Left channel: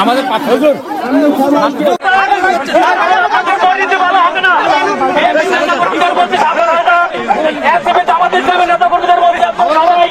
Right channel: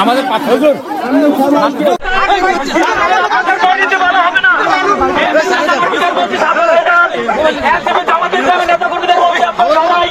আমাদের পাথর মারামারি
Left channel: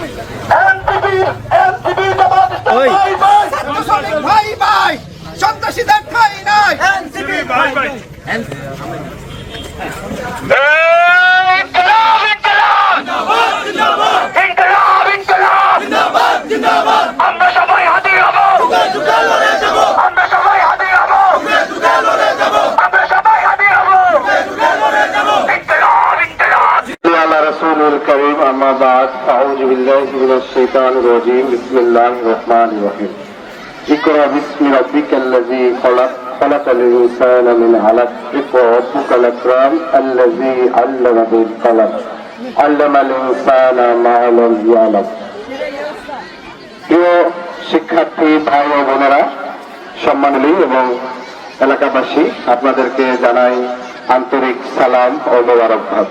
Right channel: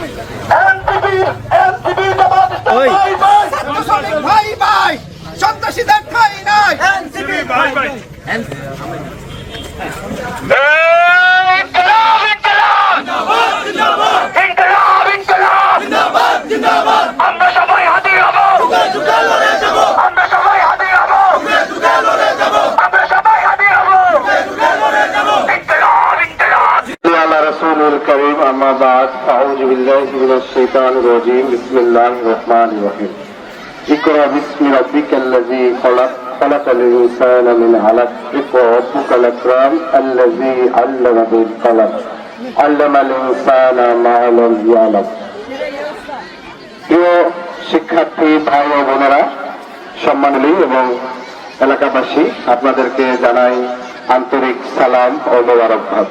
সন্ত্রাসীদের ঠাঁই নাই أعوذ بالله من الشيطان الرجيم بسم الله الرحمن الرحيم اقرأ باسم ربك الذي خلق خلق الإنسان من علق اقرأ ربك الأكرم الذي علم بالقلم علم الإنسان ما لم يعلم প্রিয় শিক্ষার্থী ভাই ও বোনেরা সম্মানী এবং এলাকাবাসী আপনাদেরকে জানাই আন্তরিক সালাম ও মোবারকবাদ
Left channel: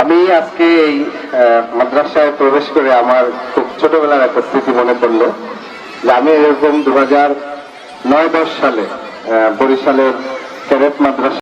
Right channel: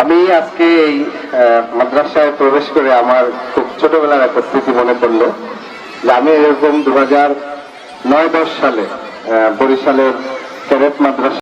আমি আজকে এই মাদ্রাসায় প্রবেশ করে আমার খুব ছোটবেলার একটা স্মৃতি মনে পড়ল যে আমি এরকম দু হাজার নয় দশ সালে বরিশালের কবক মাদ্রাসা